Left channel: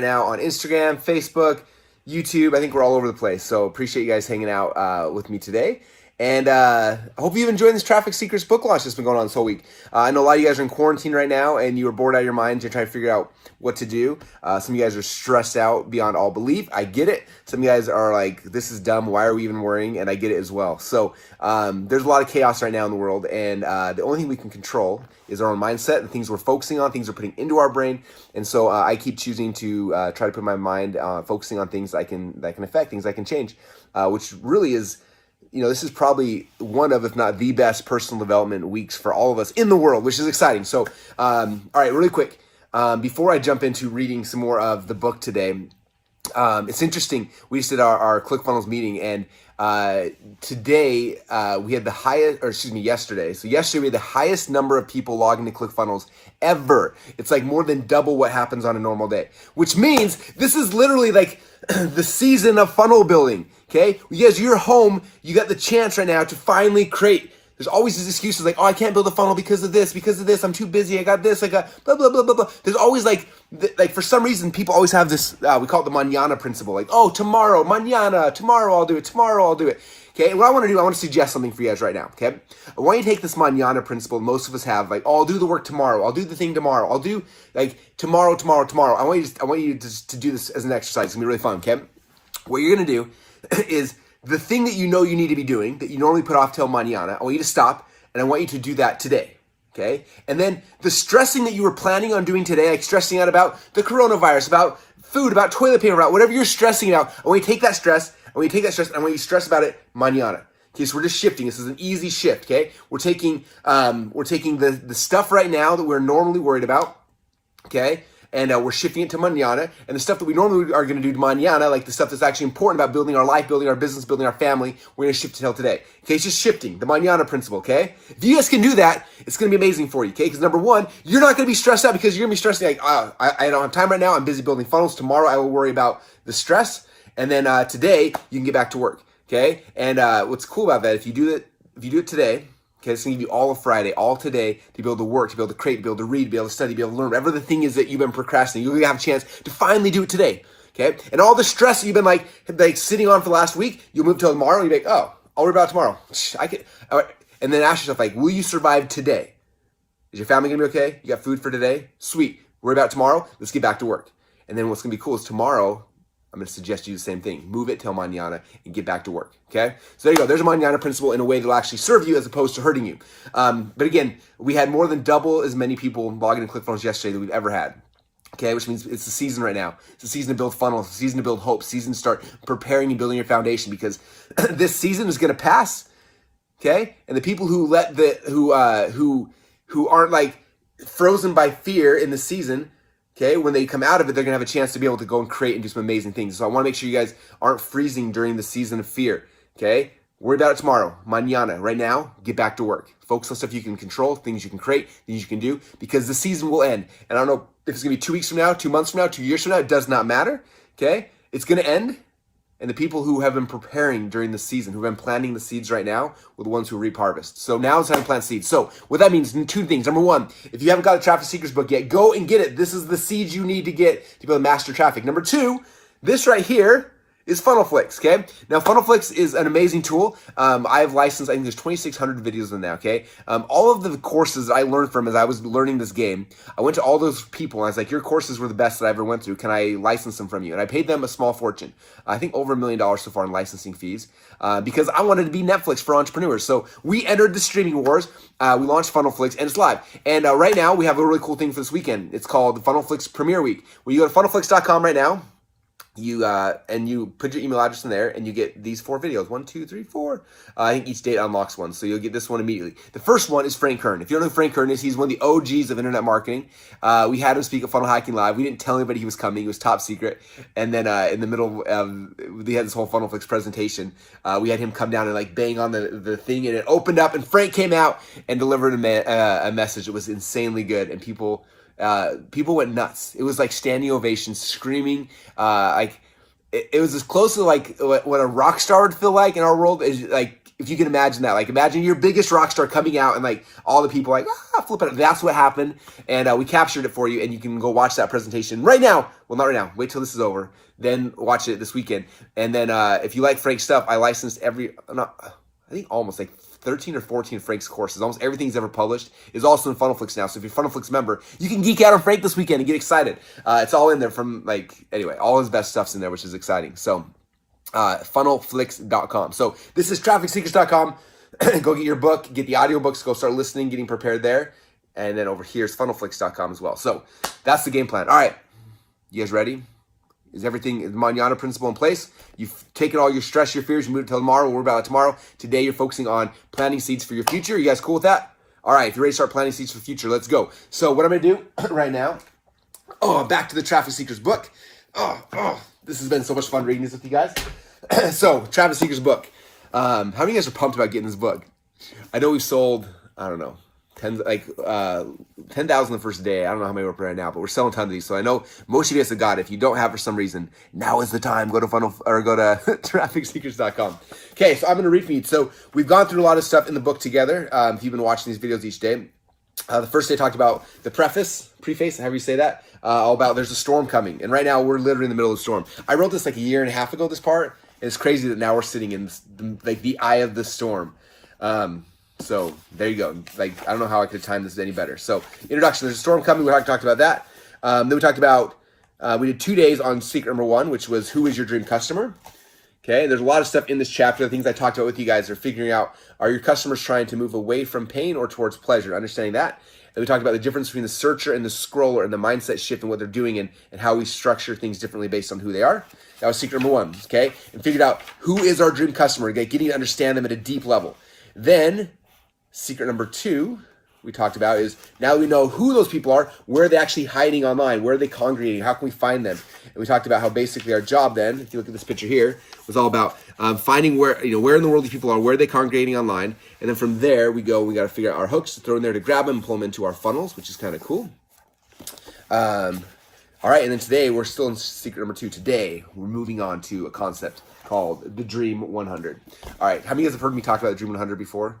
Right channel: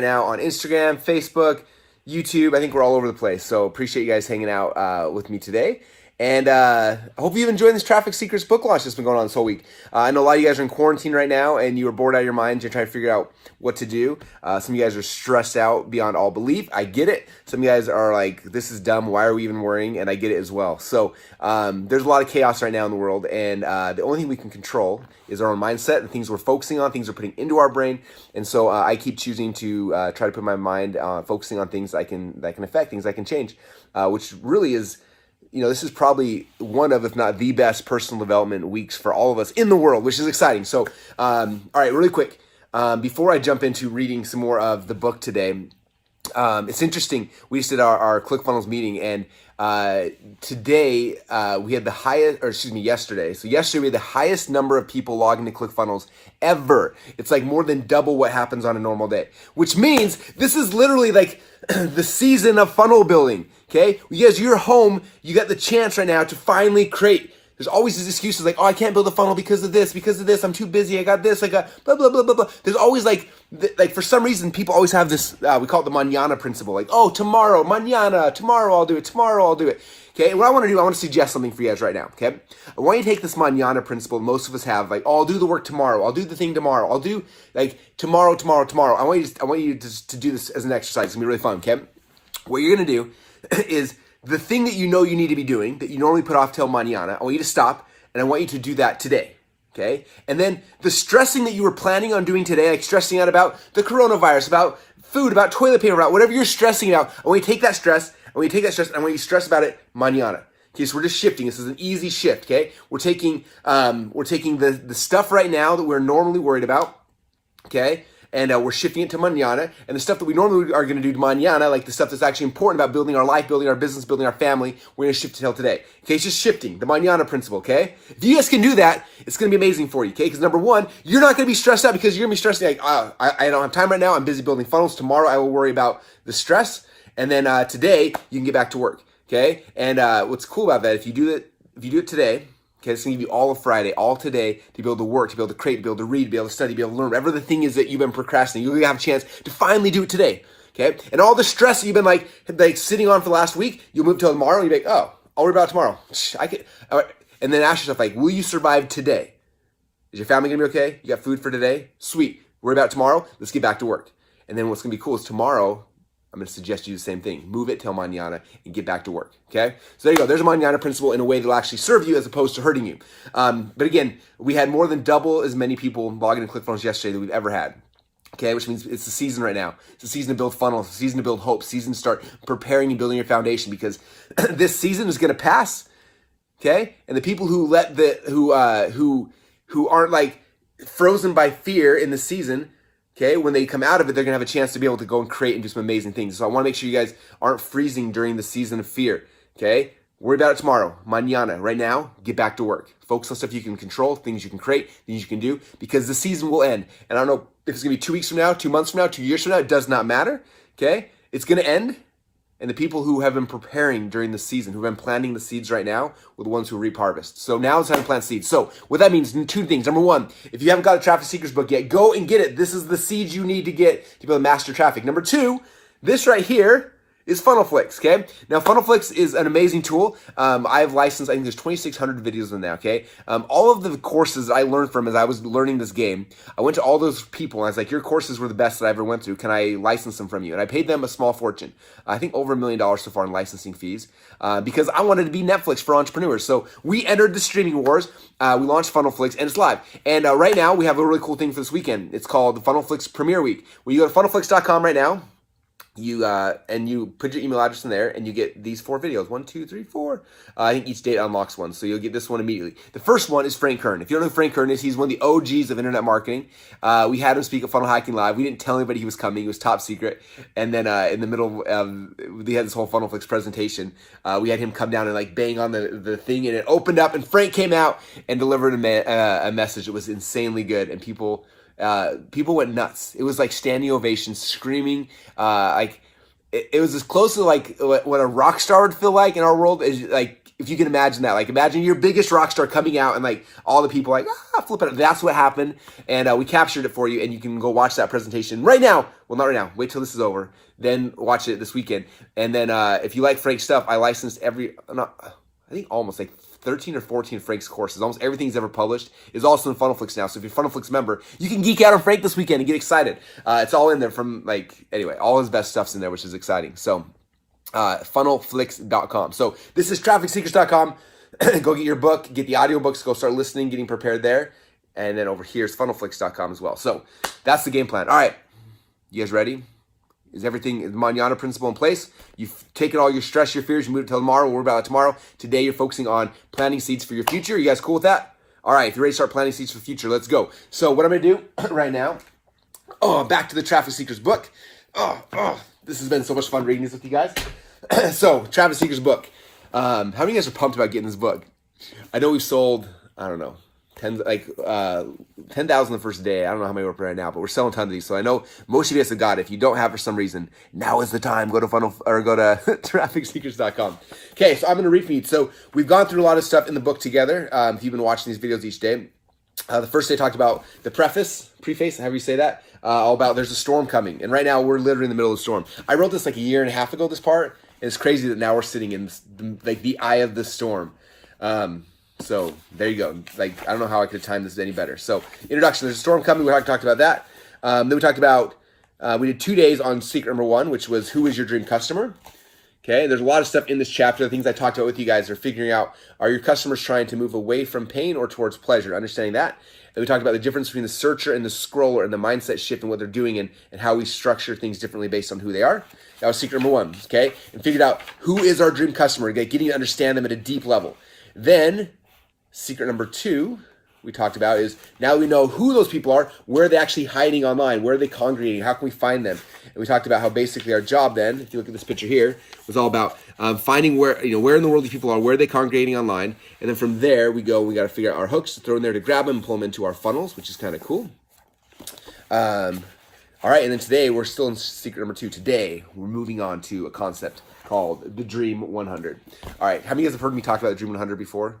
now on Instagram, Facebook, YouTube. I think we're all over the place. So appreciate you guys hanging out with me today. And I hope you've enjoyed this Traffic Secrets book launch that's been going on this whole week. I know a lot of you guys are in quarantine right now and you are bored out of your minds. You're trying to figure out what to do. Some of you guys are stressed out beyond all belief. I get it. Some of you guys are like, this is dumb. Why are we even worrying? And I get it as well. So there's a lot of chaos right now in the world. And the only thing we can control is our own mindset and things we're focusing on, things we're putting into our brain. And so I keep choosing to try to put my mind focusing on things that can affect, things I can change, which really is, you know, this is probably one of, if not the best personal development weeks for all of us in the world, which is exciting. So, all right, really quick, before I jump into reading some more of the book today, it's interesting. We just did our ClickFunnels meeting, and today we had the highest, or excuse me, yesterday. So yesterday we had the highest number of people logging to ClickFunnels ever. It's like more than double what happens on a normal day, which means this is literally like the season of funnel building. Okay, because you're home, you got the chance right now to finally create. There's always these excuses like, oh, I can't build a funnel because of this, I'm too busy, I got this, I got blah, blah, blah, blah, blah. There's always like for some reason, people always have this, we call it the mañana principle, like, oh, tomorrow, mañana, tomorrow I'll do it, Okay, what I want to do, I want to suggest something for you guys right now, okay? I want you to take this mañana principle most of us have, like, oh, I'll do the work tomorrow, I'll do the thing tomorrow, I'll do, like, tomorrow. I want you to do this as an exercise. It's going to be really fun, okay? What you're going to do is the thing that you know you need to be doing that you normally put off till mañana, I want you to stop, and I want you to do that today, okay? And then the stressing that you were planning on doing today, like stressing out about the coronavirus, about food, about toilet paper, about whatever you're stressing out, I want you to take that stress, and I want you to stress about it mañana. Okay, so we're just shifting. This is an easy shift, okay? We're taking the stuff right now that we're normally worried about, okay? And we're shifting it to mañana. And the stuff that we normally are going to do mañana, like the stuff that's actually important about building our life, building our business, building our family, we're going to shift it till today. Okay, it's just shifting, the mañana principle, okay? If you guys can do that, it's going to be amazing for you, okay? Because number one, you're not going to be stressed out because you're going to be stressing like, oh, I don't have time right now. I'm busy building funnels. Tomorrow I will worry about the stress. And then today you can get back to work, okay? And what's cool about that, if you do it today, okay, it's going to give you all of Friday, all today, to be able to work, to be able to create, to be able to read, to be able to study, to be able to learn. Whatever the thing is that you've been procrastinating, you're going to have a chance to finally do it today, okay? And all the stress that you've been like sitting on for the last week, you'll move till tomorrow, and you'll be like, oh, I'll worry about it tomorrow. All right. And then ask yourself, like, will you survive today? Is your family going to be okay? You got food for today? Sweet. Worry about it tomorrow? Let's get back to work. And then what's going to be cool is tomorrow, I'm going to suggest you do the same thing. Move it till mañana and get back to work, okay? So there you go. There's a mañana principle in a way that will actually serve you as opposed to hurting you. But again, we had more than double as many people logging in ClickFunnels yesterday than we've ever had, okay? Which means it's the season right now. It's the season to build funnels. It's the season to build hope. Season to start preparing and building your foundation because this season is going to pass, okay? And the people who who aren't like frozen by fear in the season, okay, when they come out of it, they're going to have a chance to be able to go and create and do some amazing things. So I want to make sure you guys aren't freezing during the season of fear, okay? Worry about it tomorrow, mañana. Right now, get back to work. Focus on stuff you can control, things you can create, things you can do, because the season will end. And I don't know if it's going to be 2 weeks from now, 2 months from now, 2 years from now. It does not matter, okay? It's going to end. And the people who have been preparing during the season, who have been planting the seeds right now, were the ones who reap harvest. So now it's time to plant seeds. So what that means, two things. Number one, if you haven't got the Traffic Secrets book yet, go and get it. This is the seeds you need to get to be able to master traffic. Number two, this right here is FunnelFlix, okay? Now, FunnelFlix is an amazing tool. I've licensed, I think there's 2,600 videos in there, okay? All of the courses that I learned from as I was learning this game, I went to all those people, and I was like, your courses were the best that I ever went through. Can I license them from you? And I paid them a small fortune. I think over $1 million so far in licensing fees, because I wanted to be Netflix for entrepreneurs. So we entered the streaming wars. We launched FunnelFlix, and it's live. And right now, we have a really cool thing for this weekend. It's called the FunnelFlix Premiere Week. Where you go to funnelflix.com right now, you put your email address in there and you get these 4 videos. 1, 2, 3, 4. I think each date unlocks one. So you'll get this one immediately. The first one is Frank Kern. If you don't know who Frank Kern is, he's one of the OGs of internet marketing. We had him speak at Funnel Hacking Live. We didn't tell anybody he was coming. He was top secret. And then in the middle, we had this whole FunnelFlix presentation. We had him come down and like bang on the thing, and it opened up, and Frank came out and delivered a message. It was insanely good, and people went nuts. It was like standing ovations, screaming, it was as close to like what a rock star would feel like in our world, is like, if you can imagine that. Like, imagine your biggest rock star coming out and like all the people like, flip it up. That's what happened. And we captured it for you, and you can go watch that presentation right now, Well, not right now. Wait till this is over. Then watch it this weekend. And then if you like Frank's stuff, I licensed I think almost like 13 or 14 Frank's courses. Almost everything he's ever published is also in FunnelFlix now. So if you're a FunnelFlix member, you can geek out on Frank this weekend and get excited. It's all in there anyway, all his best stuff's in there, which is exciting. So funnelflix.com. So this is trafficseekers.com. Go get your book, get the audiobooks, go start listening, getting prepared there. And then over here is funnelflix.com as well. So that's the game plan. All right. You guys ready? Is everything, the Manana principle in place? You've taken all your stress, your fears, you moved it till tomorrow. We'll worry about it tomorrow. Today, you're focusing on planting seeds for your future. You guys cool with that? All right, if you're ready to start planting seeds for the future, let's go. So what I'm going to do right now, back to the Traffic Seekers book. This has been so much fun reading this with you guys. So, Traffic Seekers book. How many of you guys are pumped about getting this book? I know we've sold, I don't know, 10,000 the first day. I don't know how many we're up right now, but we're selling tons of these. So I know most of you guys have got it. If you don't have for some reason, now is the time. Go to trafficseekers.com. Okay, so I'm going to read for you. So we've gone through a lot of stuff in the book together. If you've been watching these videos each day, the first day I talked about the preface, however you say that, all about there's a storm coming. And right now we're literally in the middle of the storm. I wrote this like a year and a half ago, this part, and it's crazy that now we're sitting in like the eye of the storm. So there you go. Like, I don't know how I could time this any better. So introduction, there's a storm coming. We talked about that. Then we talked about, we did 2 days on secret number 1, which was who is your dream customer? Okay. There's a lot of stuff in this chapter. The things I talked about with you guys are figuring out, are your customers trying to move away from pain or towards pleasure? Understanding that. And we talked about the difference between the searcher and the scroller and the mindset shift and what they're doing and how we structure things differently based on who they are. That was secret number 1. Okay. And figured out who is our dream customer, getting to understand them at a deep level. Then secret number 2 we talked about is now we know who those people are, where are they actually hiding online, where are they congregating, how can we find them? And we talked about how basically our job then, if you look at this picture here, was all about finding where in the world these people are, where are they congregating online, and then from there we got to figure out our hooks to throw in there to grab them and pull them into our funnels, which is kind of cool. All right, and then today we're still in secret number 2. Today we're moving on to a concept called the Dream 100. All right, how many of you guys have heard me talk about the Dream 100 before?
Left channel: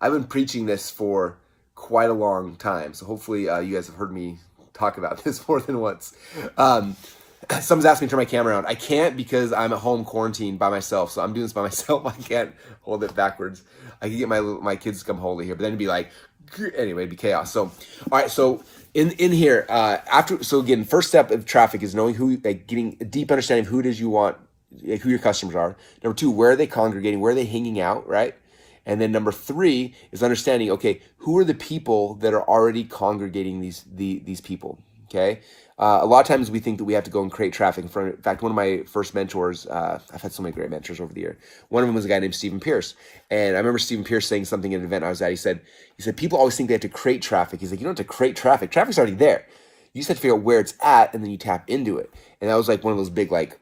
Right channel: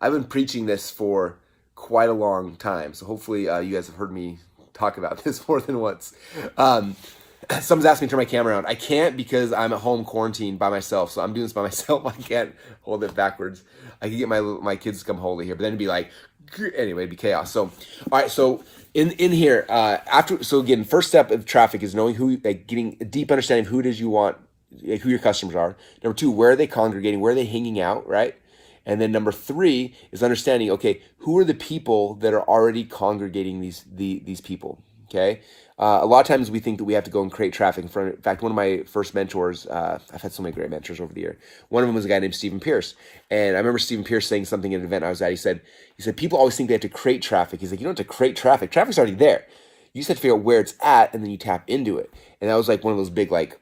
I've been preaching this for quite a long time, so hopefully you guys have heard me talk about this more than once. Someone's asking me to turn my camera around. I can't because I'm at home quarantined by myself, so I'm doing this by myself. I can't hold it backwards. I could get my kids to come hold it here, but then it'd be like, anyway, it'd be chaos. So, all right, so in here, again, first step of traffic is knowing who, getting a deep understanding of who it is you want, who your customers are. Number 2, where are they congregating, where are they hanging out, right? And then number 3 is understanding, okay, who are the people that are already congregating these people, okay? A lot of times we think that we have to go and create traffic. In fact, one of my first mentors, I've had so many great mentors over the year. One of them was a guy named Stephen Pierce. And I remember Stephen Pierce saying something at an event I was at. He said, people always think they have to create traffic. He's like, you don't have to create traffic. Traffic's already there. You just have to figure out where it's at, and then you tap into it. And that was like one of those big, like,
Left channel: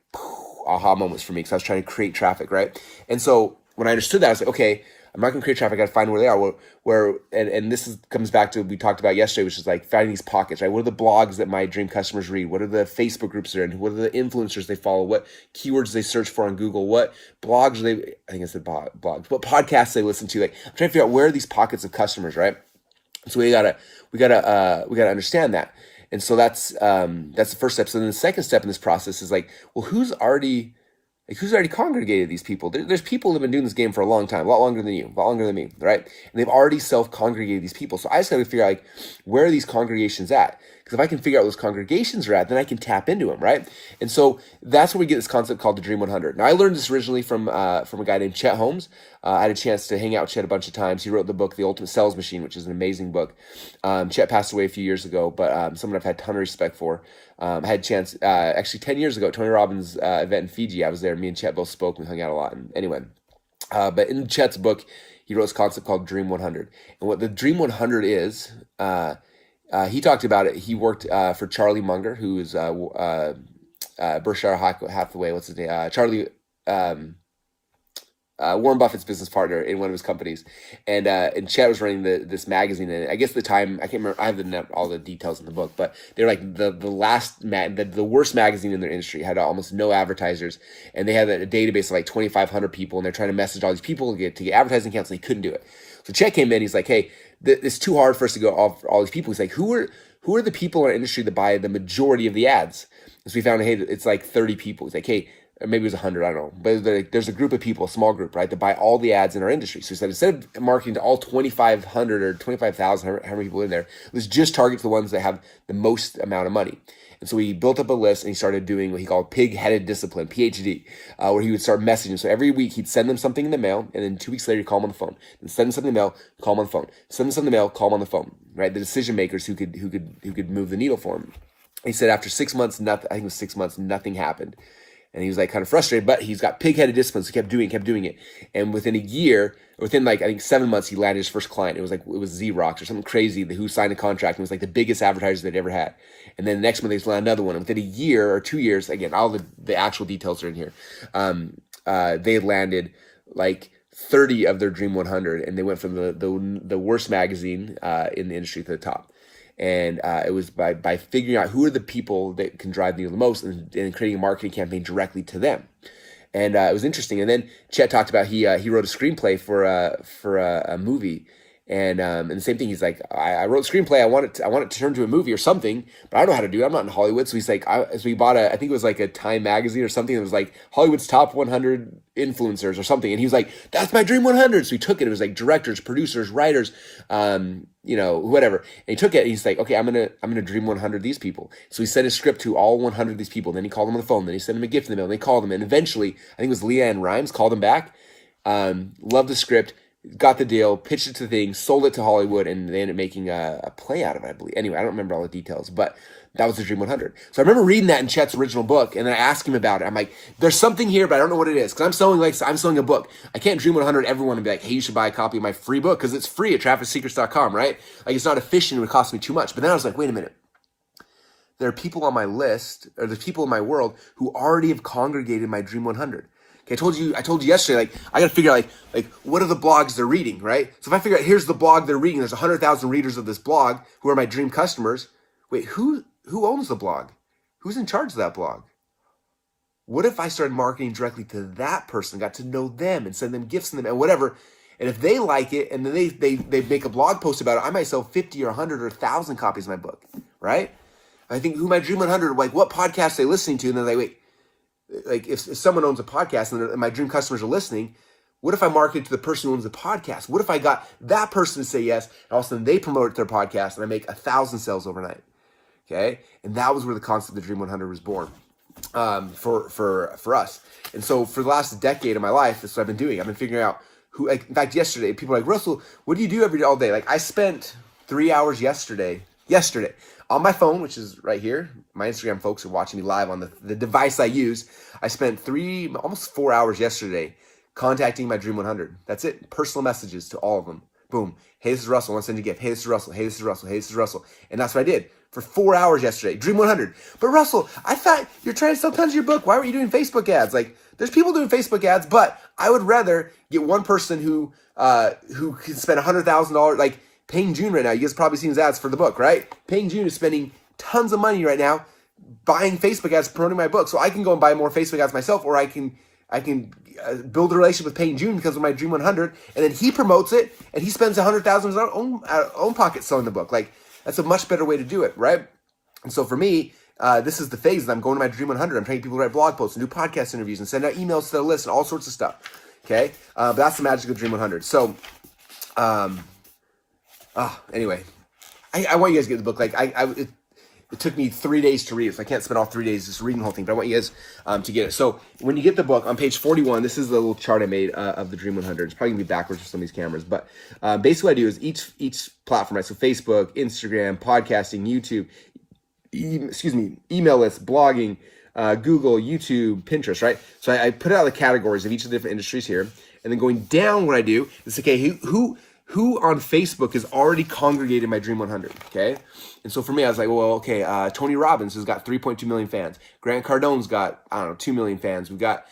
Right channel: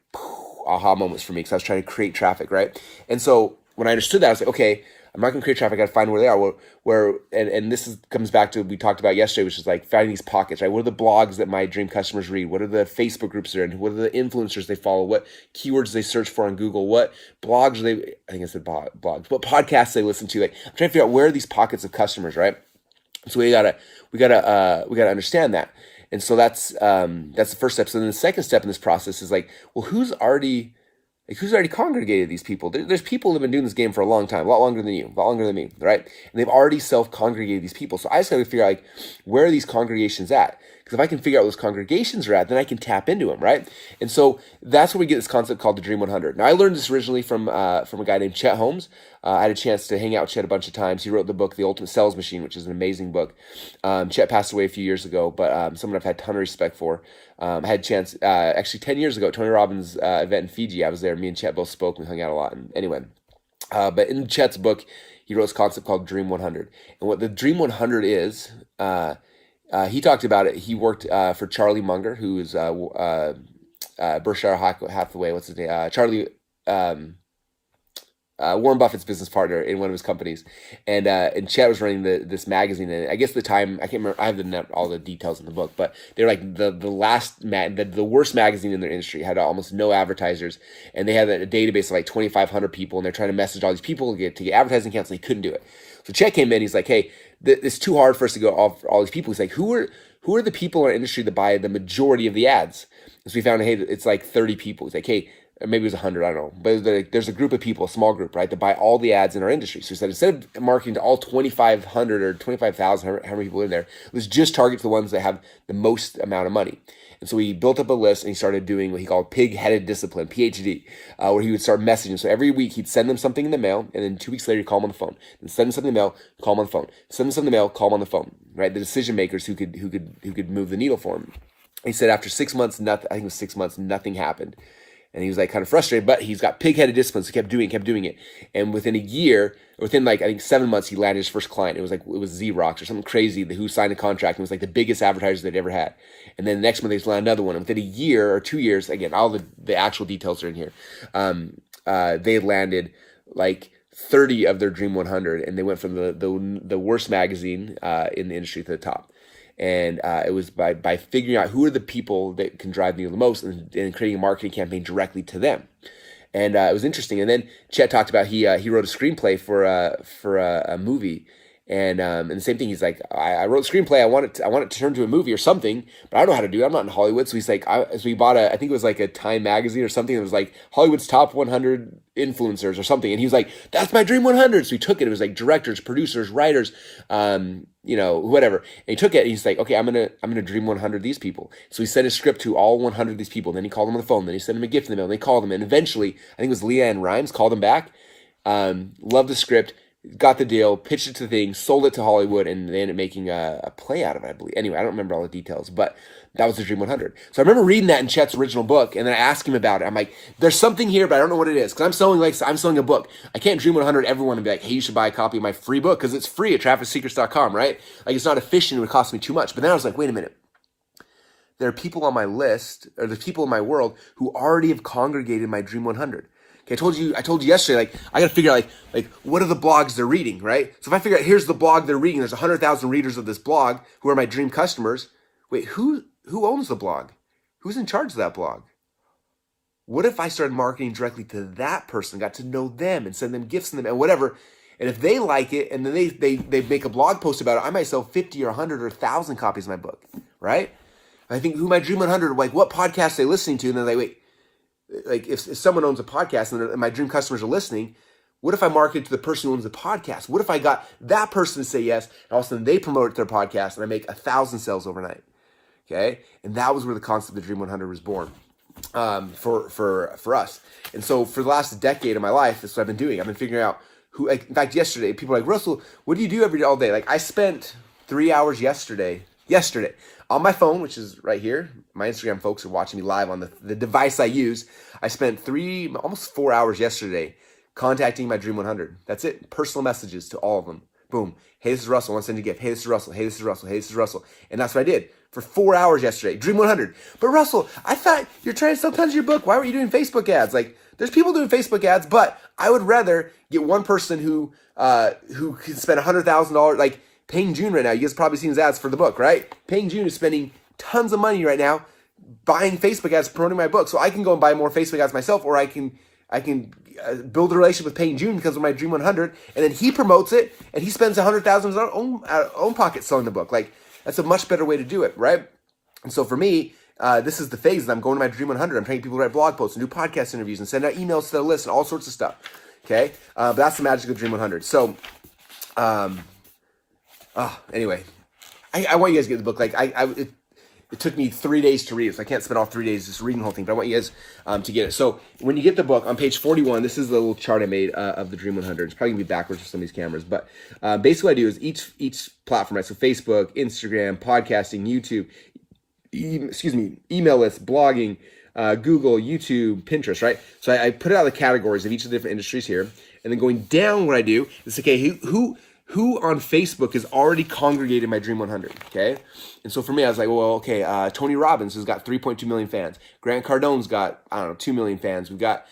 aha moments for me, because I was trying to create traffic, right? And so when I understood that, I was like, okay, I'm not going to create traffic. I got to find where they are. And this comes back to what we talked about yesterday, which is like finding these pockets, right? What are the blogs that my dream customers read? What are the Facebook groups they're in? What are the influencers they follow? What keywords they search for on Google? What blogs I think I said blogs, what podcasts they listen to? Like, I'm trying to figure out where are these pockets of customers, right? So we gotta understand that. And so that's the first step. So then the second step in this process is like, well, who's already congregated these people? There's people that have been doing this game for a long time, a lot longer than you, a lot longer than me, right? And they've already self-congregated these people. So I just got to figure out, like, where are these congregations at? Because if I can figure out where those congregations are at, then I can tap into them, right? And so that's where we get this concept called the Dream 100. Now, I learned this originally from a guy named Chet Holmes. I had a chance to hang out with Chet a bunch of times. He wrote the book, The Ultimate Sales Machine, which is an amazing book. Chet passed away a few years ago, but someone I've had a ton of respect for. I had a chance, actually 10 years ago, Tony Robbins' event in Fiji. I was there. Me and Chet both spoke. We hung out a lot. And anyway, but in Chet's book, he wrote this concept called Dream 100. And what the Dream 100 is, he talked about it. He worked for Charlie Munger, who is Berkshire Hathaway. What's his name? Charlie. Warren Buffett's business partner in one of his companies, and Chet was running this magazine. And I guess the time, I can't remember. I have all the details in the book, but they're like the worst magazine in their industry. Had almost no advertisers, and they had a database of like 2,500 people, and they're trying to message all these people to get advertising accounts, and they couldn't do it. So Chet came in. He's like, hey, it's too hard for us to go off all these people. He's like, who are the people in our industry that buy the majority of the ads? So we found, hey, it's like 30 people. It's like, hey, or maybe it was 100, I don't know. But there's a group of people, a small group, right, that buy all the ads in our industry. So we said, instead of marketing to all 2,500 or 25,000, how many people in there, let's just target the ones that have the most amount of money. And so he built up a list, and he started doing what he called pig-headed discipline, PhD, where he would start messaging. So every week he'd send them something in the mail, and then 2 weeks later he'd call them on the phone. Then send them something in the mail, call them on the phone. Send them something in the mail, call them on the phone. Right, the decision makers who could move the needle for him. He said after 6 months, I think it was 6 months, nothing happened. And he was like kind of frustrated, but he's got pig-headed discipline, so he kept doing it. And within a year, within like, I think 7 months, he landed his first client. It was Xerox or something crazy who signed a contract, and it was like the biggest advertiser they'd ever had. And then the next month, they landed another one. And within a year or 2 years, again, all the actual details are in here, they landed like 30 of their Dream 100, and they went from the worst magazine in the industry to the top. And it was by figuring out who are the people that can drive the needle the most, and creating a marketing campaign directly to them. And it was interesting. And then Chet talked about he wrote a screenplay for a movie. And the same thing, he's like, I wrote a screenplay. I want it to turn to a movie or something, but I don't know how to do it. I'm not in Hollywood. So he's like, so he bought I think it was like a Time magazine or something. That was like Hollywood's top 100 influencers or something. And he was like, that's my Dream 100. So he took it. It was like directors, producers, writers, whatever. And he took it, and he's like, okay, I'm gonna Dream 100 these people. So he sent his script to all 100 of these people. Then he called them on the phone. Then he sent them a gift in the mail. And they called him, and eventually, I think it was Leanne Rimes called him back. Loved the script. Got the deal, pitched it to the thing, sold it to Hollywood, and they ended up making a play out of it, I believe. Anyway, I don't remember all the details, but that was the Dream 100. So I remember reading that in Chet's original book, and then I asked him about it. I'm like, there's something here, but I don't know what it is, because I'm selling a book. I can't Dream 100 everyone and be like, hey, you should buy a copy of my free book, because it's free at trafficsecrets.com, right? Like, it's not efficient, it would cost me too much. But then I was like, wait a minute. There are people on my list, or there's people in my world who already have congregated my Dream 100. Okay, I told you yesterday, like, I got to figure out, like, what are the blogs they're reading, right? So if I figure out, here's the blog they're reading, there's 100,000 readers of this blog who are my dream customers. Wait, who owns the blog? Who's in charge of that blog? What if I started marketing directly to that person, got to know them, and send them gifts and whatever, and if they like it, and then they make a blog post about it, I might sell 50 or 100 or 1,000 copies of my book, right? I think who my Dream 100, like, what podcast they listening to, and then wait, like if someone owns a podcast and my dream customers are listening, what if I market to the person who owns the podcast? What if I got that person to say yes, and all of a sudden they promote their podcast and I make 1,000 sales overnight? Okay, and that was where the concept of the Dream 100 was born for us. And so for the last decade of my life, that's what I've been doing. I've been figuring out who. Like, in fact, yesterday people were like, Russell, what do you do every day, all day? Like, I spent 3 hours yesterday on my phone, which is right here. My Instagram folks are watching me live on the device I use. I spent almost 4 hours yesterday contacting my Dream 100. That's it. Personal messages to all of them. Boom. Hey, this is Russell. I want to send you a gift. Hey, this is Russell. Hey, this is Russell. Hey, this is Russell. And that's what I did for 4 hours yesterday. Dream 100. But Russell, I thought you're trying to sell tons of your book. Why were you doing Facebook ads? Like, there's people doing Facebook ads, but I would rather get one person who can spend $100,000, like, Paying June right now, you guys have probably seen his ads for the book, right? Paying June is spending tons of money right now buying Facebook ads, promoting my book. So I can go and buy more Facebook ads myself, or I can build a relationship with Paying June because of my Dream 100, and then he promotes it, and he spends $100,000 in his own pocket selling the book. Like, that's a much better way to do it, right? And so for me, this is the phase that I'm going to my Dream 100. I'm training people to write blog posts and do podcast interviews and send out emails to their list and all sorts of stuff, okay? But that's the magic of Dream 100. So, anyway, I want you guys to get the book. Like, it took me 3 days to read it, so I can't spend all 3 days just reading the whole thing, but I want you guys to get it. So when you get the book, on page 41, this is the little chart I made of the Dream 100. It's probably going to be backwards for some of these cameras, but basically what I do is each platform, right? So Facebook, Instagram, podcasting, YouTube, email lists, blogging, Google, YouTube, Pinterest, right? So I put out the categories of each of the different industries here, and then going down, what I do is, okay, who on Facebook has already congregated my Dream 100, okay? And so for me, I was like, well, okay, Tony Robbins has got 3.2 million fans. Grant Cardone's got, 2 million fans. We've got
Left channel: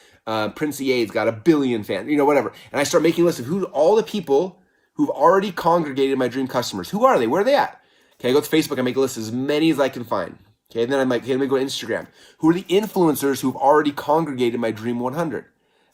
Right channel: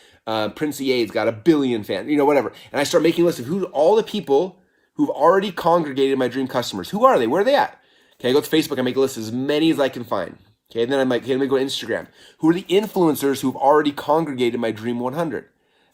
Prince EA's got 1 billion fans, whatever. And I start making a list of all the people who've already congregated my dream customers. Who are they? Where are they at? Okay, I go to Facebook, I make a list of as many as I can find. Okay, and then I'm like, okay, let me go to Instagram. Who are the influencers who've already congregated my Dream 100?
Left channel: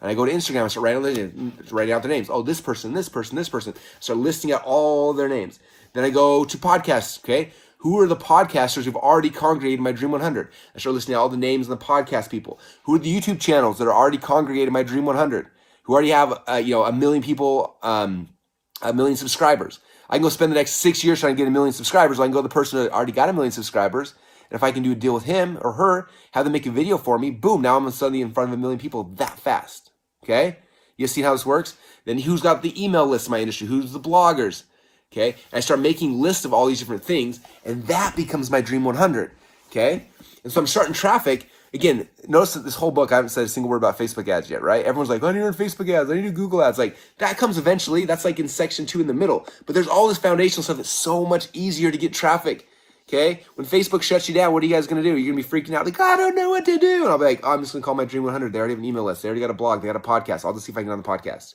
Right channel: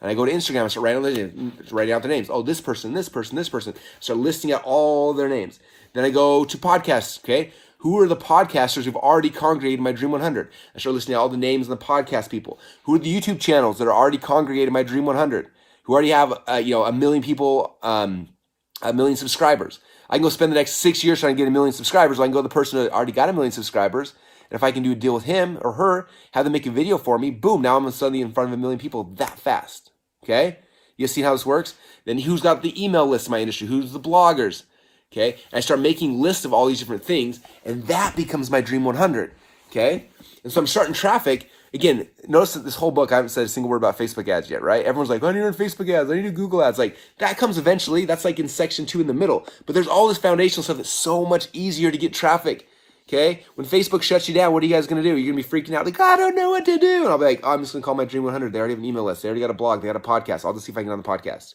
And I go to Instagram, I start writing out their names. Oh, this person, this person, this person. Start listing out all their names. Then I go to podcasts, okay? Who are the podcasters who've already congregated my Dream 100? I start listening to all the names of the podcast people. Who are the YouTube channels that are already congregated my Dream 100? Who already have, a million people, a million subscribers. I can go spend the next 6 years trying to get 1 million subscribers. Or I can go to the person who already got 1 million subscribers. And if I can do a deal with him or her, have them make a video for me, boom, now I'm suddenly in front of 1 million people that fast. Okay? You see how this works? Then who's got the email list in my industry? Who's the bloggers? Okay? And I start making lists of all these different things, and that becomes my Dream 100. Okay? And so I'm starting traffic. Again, notice that this whole book, I haven't said a single word about Facebook ads yet, right? Everyone's like, I need to run Facebook ads. I need to do Google ads. Like, that comes eventually. That's like in section 2 in the middle. But there's all this foundational stuff that's so much easier to get traffic. Okay? When Facebook shuts you down, what are you guys going to do? You're going to be freaking out like, I don't know what to do. And I'll be like, I'm just going to call my Dream 100. They already have an email list. They already got a blog. They got a podcast. I'll just see if I can get on the podcast.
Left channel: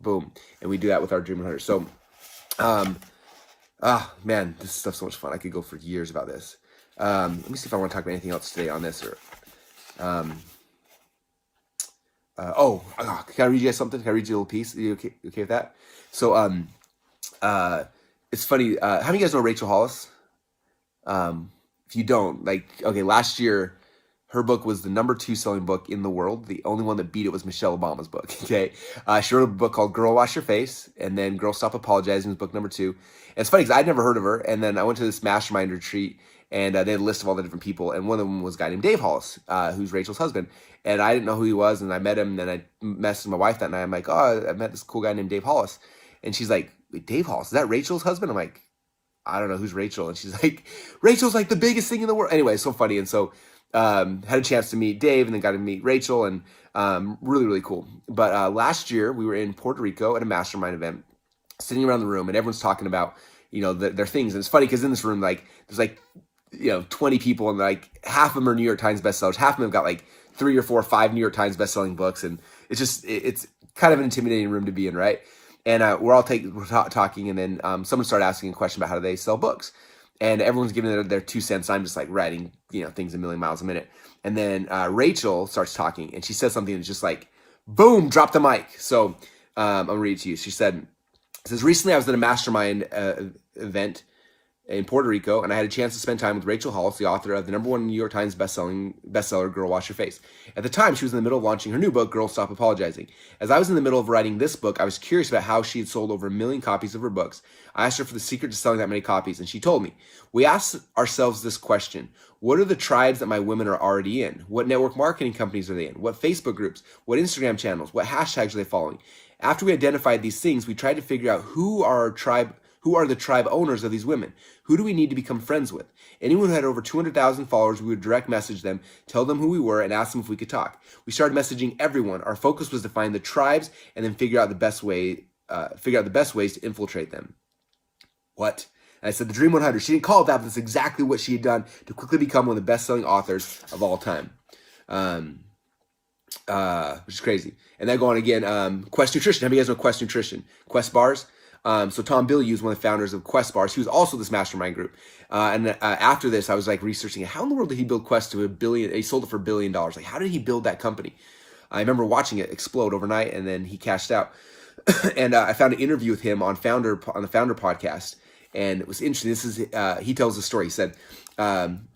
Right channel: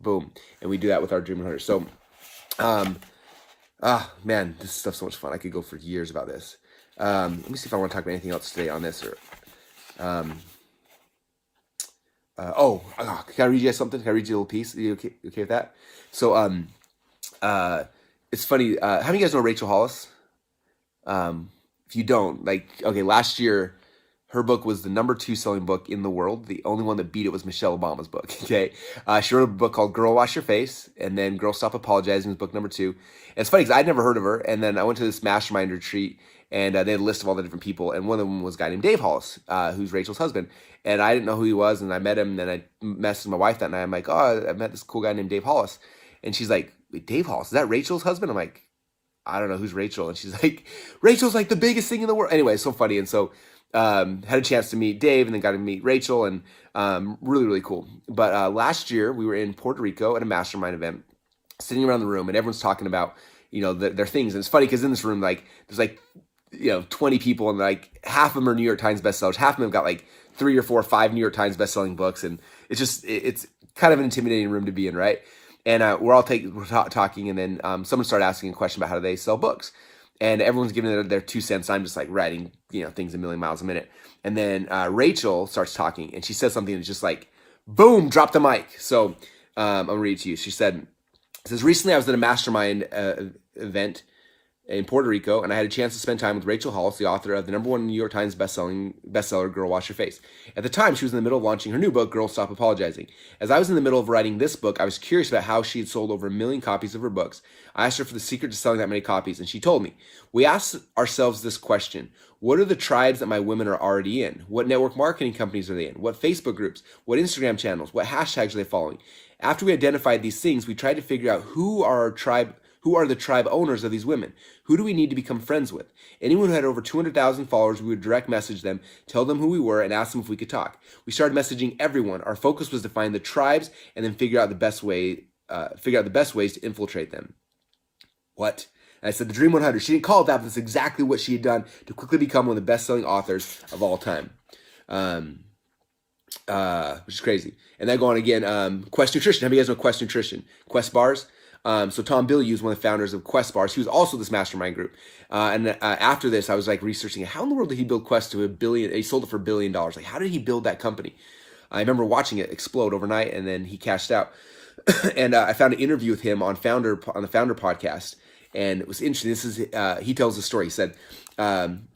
Boom. And we do that with our Dream 100. So, man, this stuff's so much fun. I could go for years about this. Let me see if I want to talk about anything else today on this. Or, can I read you guys something? Can I read you a little piece? Are you okay with that? So, it's funny. How many of you guys know Rachel Hollis? If you don't, last year, her book was the #2 selling book in the world. The only one that beat it was Michelle Obama's book. Okay. She wrote a book called Girl Wash Your Face, and then Girl Stop Apologizing was book #2. And it's funny because I'd never heard of her. And then I went to this mastermind retreat, and they had a list of all the different people. And one of them was a guy named Dave Hollis, who's Rachel's husband. And I didn't know who he was. And I met him, and then I messaged my wife that night. I'm like, I met this cool guy named Dave Hollis. And she's like, wait, Dave Hollis, is that Rachel's husband? I'm like, I don't know, who's Rachel? And she's like, Rachel's like the biggest thing in the world. Anyway, it's so funny. And so had a chance to meet Dave, and then got to meet Rachel, and really, really cool. But last year, we were in Puerto Rico at a mastermind event, sitting around the room, and everyone's talking about, their things. And it's funny because in this room, there's 20 people, and half of them are New York Times bestsellers. Half of them have got 3 or 4 or 5 New York Times bestselling books. And it's kind of an intimidating room to be in, right? And we're all talking, and then someone started asking a question about how do they sell books. And everyone's giving their 2 cents. I'm just writing, things a million miles a minute. And then Rachel starts talking, and she says something that's just boom, drop the mic. So I'll read it to you. She says, recently I was at a mastermind event in Puerto Rico, and I had a chance to spend time with Rachel Hollis, the author of the #1 New York Times bestseller, Girl Wash Your Face. At the time, she was in the middle of launching her new book, Girl Stop Apologizing. As I was in the middle of writing this book, I was curious about how she had sold over 1 million copies of her books. I asked her for the secret to selling that many copies, and she told me. We asked ourselves this question: what are the tribes that my women are already in? What network marketing companies are they in? What Facebook groups? What Instagram channels? What hashtags are they following? After we identified these things, we tried to figure out who are the tribe owners of these women. Who do we need to become friends with? Anyone who had over 200,000 followers, we would direct message them, tell them who we were, and ask them if we could talk. We started messaging everyone. Our focus was to find the tribes and then figure out the best ways to infiltrate them. What? And I said the Dream 100. She didn't call it that, but that's exactly what she had done to quickly become one of the best-selling authors of all time. Which is crazy. And then going again, Quest Nutrition. How many of you guys know Quest Nutrition? Quest bars. So Tom Bilyeu is one of the founders of Quest bars. He was also this mastermind group. After this, I was researching how in the world did he build Quest to $1 billion? He sold it for $1 billion. How did he build that company? I remember watching it explode overnight, and then he cashed out. And I found an interview with him on the Founder podcast, and it was interesting. This is he tells the story. He said,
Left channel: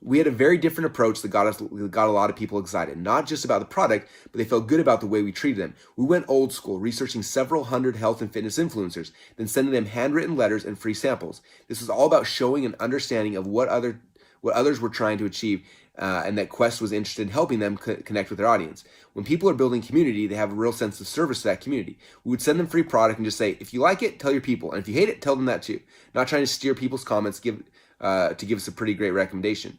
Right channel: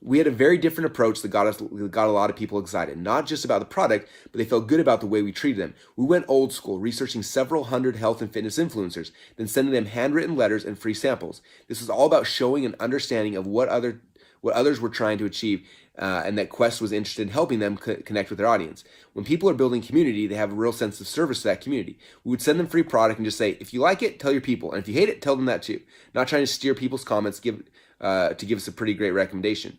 we had a very different approach that got a lot of people excited, not just about the product, but they felt good about the way we treated them. We went old school, researching several hundred health and fitness influencers, then sending them handwritten letters and free samples. This was all about showing an understanding of what others were trying to achieve, and that Quest was interested in helping them connect with their audience. When people are building community, they have a real sense of service to that community. We would send them free product and just say, if you like it, tell your people. And if you hate it, tell them that too. Not trying to steer people's comments, to give us a pretty great recommendation.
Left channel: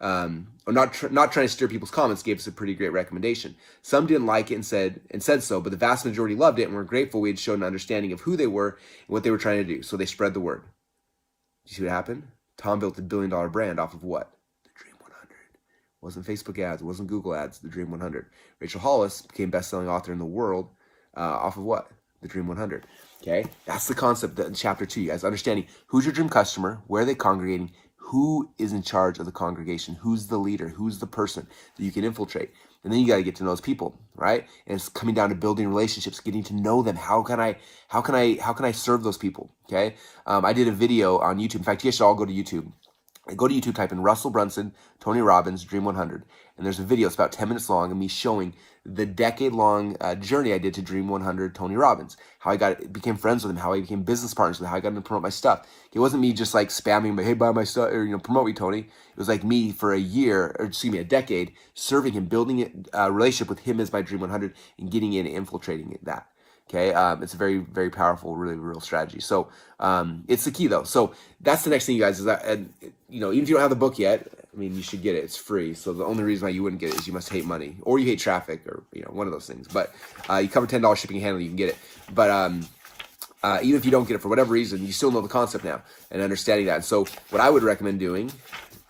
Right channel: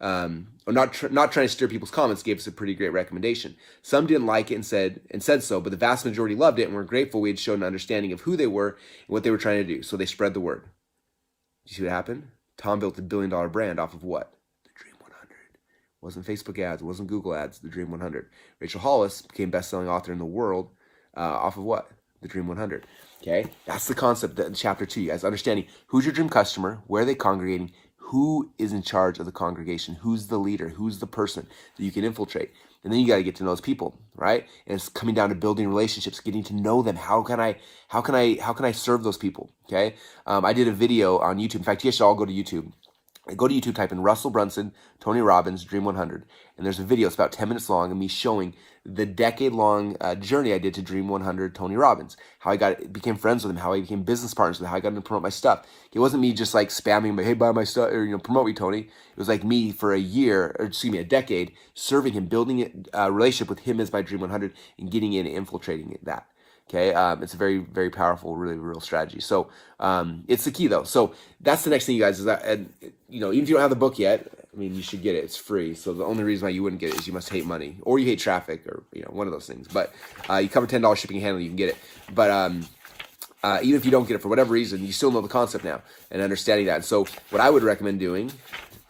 Or not trying to steer people's comments, gave us a pretty great recommendation. Some didn't like it and said so, but the vast majority loved it and were grateful we had shown an understanding of who they were and what they were trying to do. So they spread the word. You see what happened? Tom built a $1 billion brand off of what? The Dream 100. It wasn't Facebook ads. It wasn't Google ads. The Dream 100. Rachel Hollis became best-selling author in the world off of what? The Dream 100. Okay, that's the concept in chapter 2, you guys. Understanding who's your dream customer, where are they congregating, who is in charge of the congregation, who's the leader, who's the person that you can infiltrate. And then you got to get to know those people, right? And it's coming down to building relationships, getting to know them. How can I serve those people? Okay, I did a video on YouTube. In fact, you guys should all go to YouTube. Go to YouTube, type in Russell Brunson, Tony Robbins, Dream 100. And there's a video, it's about 10 minutes long, of me showing the decade-long journey I did to Dream 100 Tony Robbins, how I became friends with him, how I became business partners with him, how I got him to promote my stuff. It wasn't me just like spamming him, hey, buy my stuff, or promote me, Tony. It was like me for a decade, serving him, building a relationship with him as my Dream 100, and getting in and infiltrating that. Okay, it's a very, very powerful, really real strategy. So it's the key though. So that's the next thing, you guys, is that, and even if you don't have the book yet, I mean, you should get it. It's free. So the only reason why you wouldn't get it is you must hate money, or you hate traffic, or one of those things. But you cover $10 shipping and handling, you can get it. But even if you don't get it for whatever reason, you still know the concept now and understanding that. And so what I would recommend doing,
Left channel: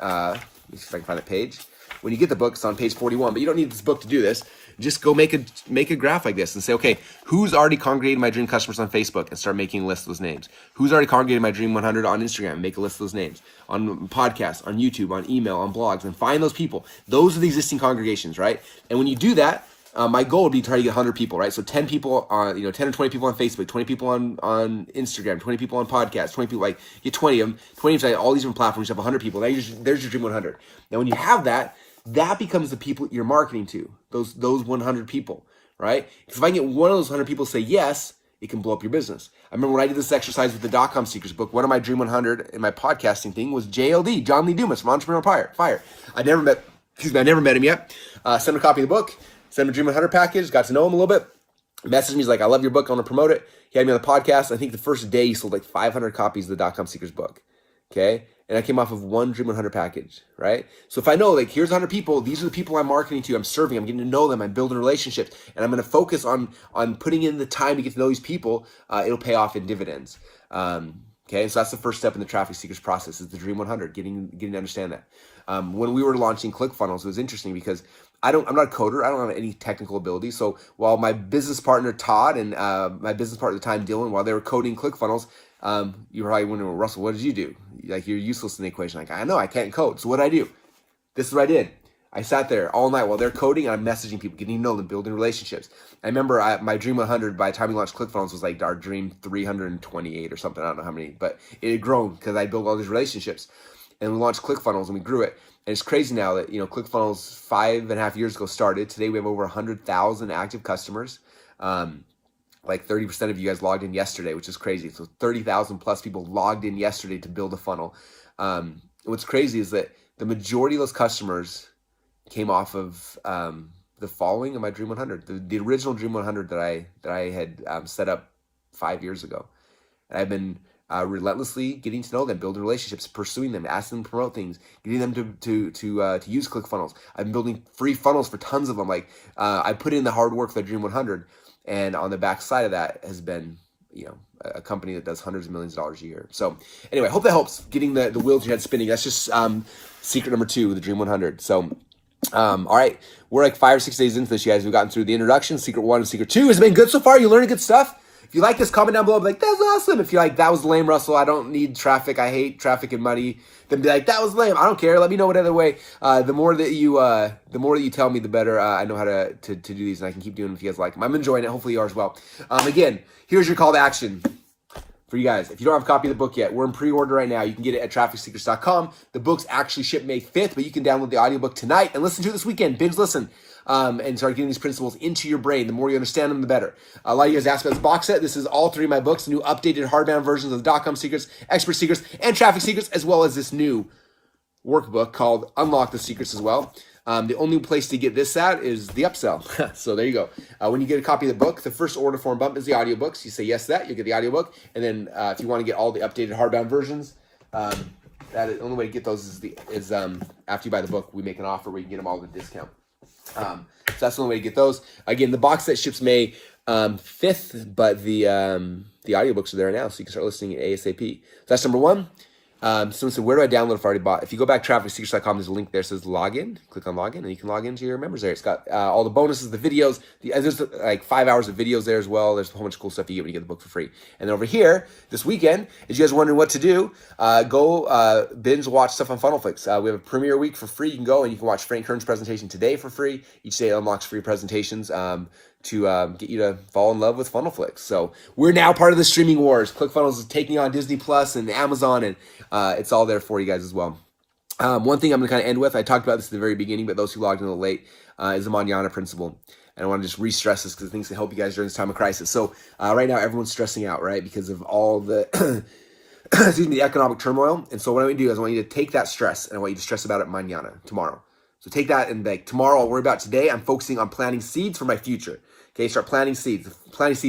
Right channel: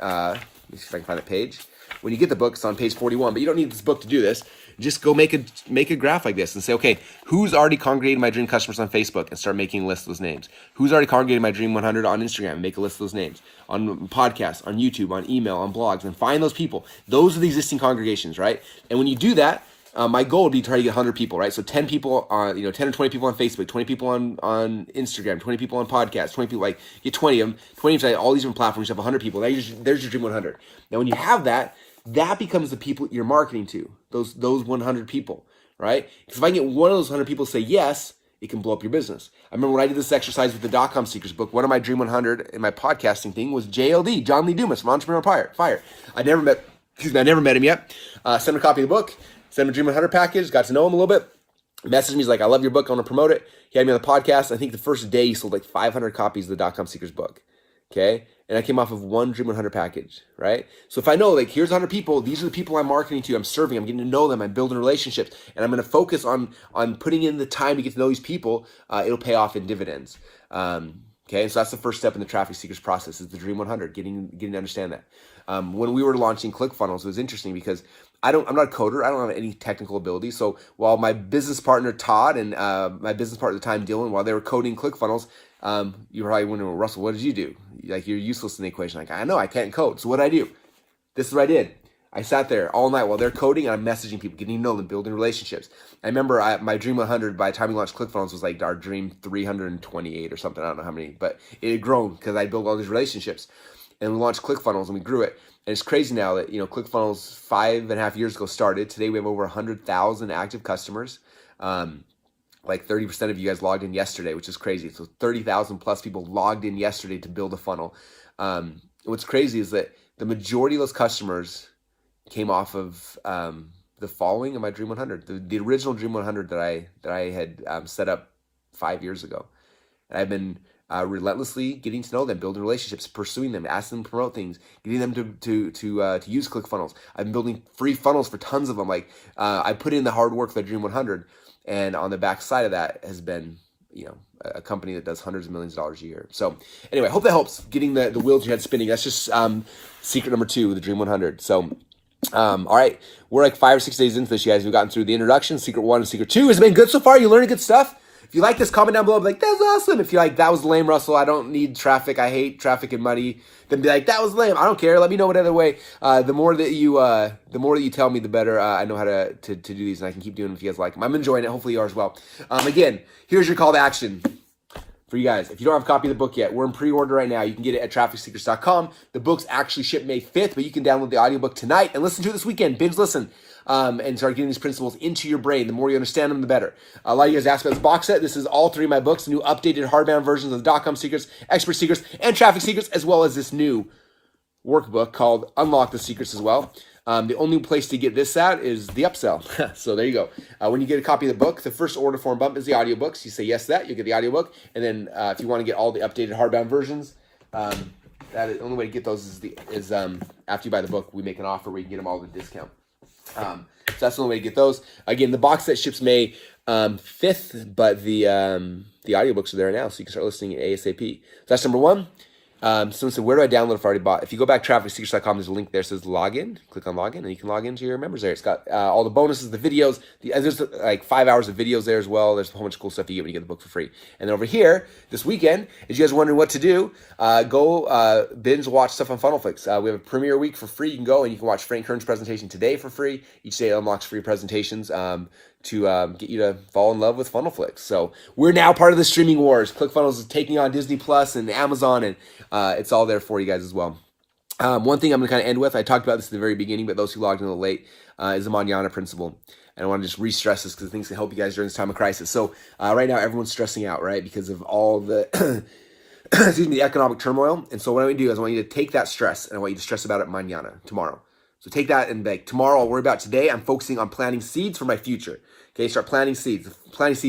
let me see if I can find a page. When you get the book, it's on page 41, but you don't need this book to do this. Just go make a graph like this and say, okay, who's already congregated my dream customers on Facebook, and start making a list of those names. Who's already congregated my dream 100 on Instagram, and make a list of those names. On podcasts, on YouTube, on email, on blogs, and find those people. Those are the existing congregations, right? And when you do that, my goal would be to try to get 100 people, right? So 10 people on, 10 or 20 people on Facebook, 20 people on Instagram, 20 people on podcasts, 20 people, like get 20 of them, 20 of them, all these different platforms, you have 100 people. There's your dream 100. Now, when you have that, that becomes the people you're marketing to, those 100 people, right? Because if I can get one of those 100 people to say yes, it can blow up your business. I remember when I did this exercise with the .com Secrets book, one of my Dream 100 in my podcasting thing was JLD, John Lee Dumas from Entrepreneur Fire. I never met him yet. Sent him a copy of the book, sent him a Dream 100 package, got to know him a little bit. Messaged me, he's like, I love your book, I want to promote it. He had me on the podcast. I think the first day he sold like 500 copies of the .com Secrets book. Okay. And I came off of one Dream 100 package, right? So if I know, like, here's 100 people, these are the people I'm marketing to, I'm serving, I'm getting to know them, I'm building relationships, and I'm going to focus on putting in the time to get to know these people, it'll pay off in dividends. Okay, so that's the first step in the traffic seekers process, is the Dream 100, getting to understand that. When we were launching ClickFunnels, it was interesting because I'm not a coder, I don't have any technical ability. So while my business partner Todd and my business partner at the time Dylan, while they were coding ClickFunnels, you were probably wondering, well, Russell, what did you do? Like, you're useless in the equation. Like, I know, I can't code. So what did I do? This is what I did. I sat there all night while they're coding, and I'm messaging people, getting to know them, building relationships. I remember my Dream 100, by the time we launched ClickFunnels, was like our Dream 328 or something. I don't know how many, but it had grown because I built all these relationships. And we launched ClickFunnels, and we grew it. And it's crazy now that, ClickFunnels 5.5 years ago started. Today we have over 100,000 active customers. Like 30% of you guys logged in yesterday, which is crazy. So 30,000 plus people logged in yesterday to build a funnel. What's crazy is that the majority of those customers came off of the following of my Dream 100, the original Dream 100 that I had set up 5 years ago. And I've been relentlessly getting to know them, building relationships, pursuing them, asking them to promote things, getting them to use ClickFunnels. I've been building free funnels for tons of them. Like I put in the hard work for the Dream 100. And on the back side of that has been, a company that does hundreds of millions of dollars a year. So anyway, I hope that helps getting the wheels in your head spinning. That's just secret number 2, the Dream 100. So, all right, we're like 5 or 6 days into this, you guys. We've gotten through the introduction, secret 1 and secret 2. Has it been good so far? You learning good stuff? If you like this, comment down below. Be like, that was awesome. If you're like, that was lame, Russell, I don't need traffic, I hate traffic and money, then be like, that was lame. I don't care. Let me know what other way. The more that you tell me, the better I know how to do these, and I can keep doing them if you guys like them. I'm enjoying it. Hopefully you are as well. Again, here's your call to action for you guys. If you don't have a copy of the book yet, we're in pre-order right now. You can get it at trafficsecrets.com. The book's actually shipped May 5th, but you can download the audiobook tonight and listen to it this weekend. Binge listen. And start getting these principles into your brain. The more you understand them, the better. A lot of you guys asked about this box set. This is all 3 of my books, new updated hardbound versions of the .com Secrets, Expert Secrets, and Traffic Secrets, as well as this new workbook called Unlock the Secrets as well. The only place to get this at is the upsell. So there you go. When you get a copy of the book, the first order form bump is the audiobooks. You say yes to that, you'll get the audiobook. And then if you want to get all the updated hardbound versions, the only way to get those is after you buy the book, we make an offer where you can get them all at a discount. So that's the only way to get those. Again, the box set ships May 5th, but the audiobooks are there now, so you can start listening ASAP. So that's number 1. Someone said, where do I download for Partybot? If you go back to trafficsecrets.com, there's a link there that says login. Click on login, and you can log into your members there. It's got all the bonuses, the videos. There's like 5 hours of videos there as well. There's a whole bunch of cool stuff you get when you get the book for free. And then over here, this weekend, as you guys are wondering what to do, go binge watch stuff on FunnelFlix. We have a premiere week for free. You can go and you can watch Frank Kern's presentation today for free. Each day unlocks free presentations to get you to fall in love with FunnelFlix. So we're now part of the streaming wars. ClickFunnels is taking on Disney Plus and Amazon, and it's all there for you guys as well. One thing I'm going to kind of end with, I talked about this at the very beginning, but those who logged in a little late, is the Manana principle. And I want to just re-stress this because I think it's to help you guys during this time of crisis. So right now, everyone's stressing out, right? Because of all the, the economic turmoil. And so what I want to do is I want you to take that stress and I want you to stress about it mañana, tomorrow. So take that and like, tomorrow I'll worry about today. I'm focusing on planting seeds for my future. Okay, start planting seeds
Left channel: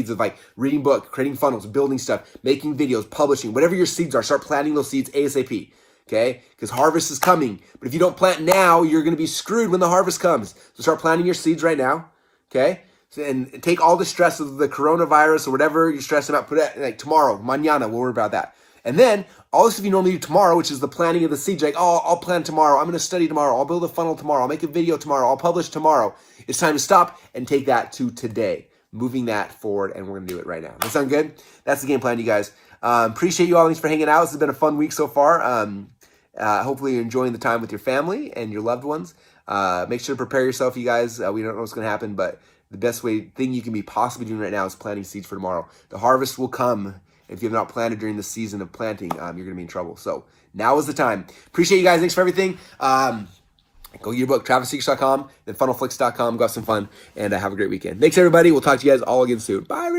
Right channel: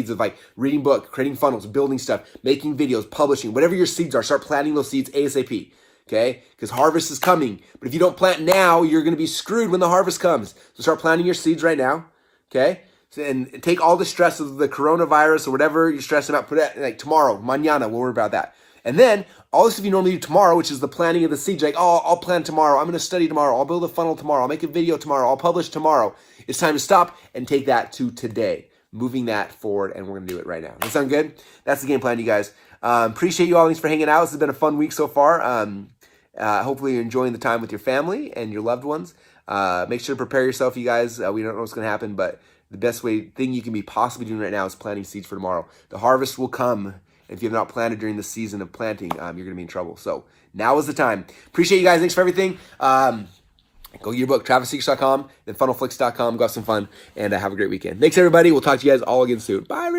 of like reading book, creating funnels, building stuff, making videos, publishing, whatever your seeds are, start planting those seeds ASAP. Okay, because harvest is coming. But if you don't plant now, you're going to be screwed when the harvest comes. So start planting your seeds right now. Okay, and take all the stress of the coronavirus or whatever you're stressing about, put it like tomorrow, mañana, we'll worry about that. And then all this stuff you normally do tomorrow, which is the planting of the seeds, like, oh, I'll plan tomorrow. I'm going to study tomorrow. I'll build a funnel tomorrow. I'll make a video tomorrow. I'll publish tomorrow. It's time to stop and take that to today, moving that forward. And we're going to do it right now. Does that sound good? That's the game plan, you guys. Appreciate you all. Thanks for hanging out. This has been a fun week so far. Hopefully you're enjoying the time with your family and your loved ones. Make sure to prepare yourself, you guys. We don't know what's going to happen, but the best thing you can be possibly doing right now is planting seeds for tomorrow. The harvest will come. If you have not planted during the season of planting, you're going to be in trouble. So now is the time. Appreciate you guys. Thanks for everything. Go get your book, TravisSeekers.com, then funnelflix.com. Go have some fun and have a great weekend. Thanks, everybody. We'll talk to you guys all again soon. Bye, everybody.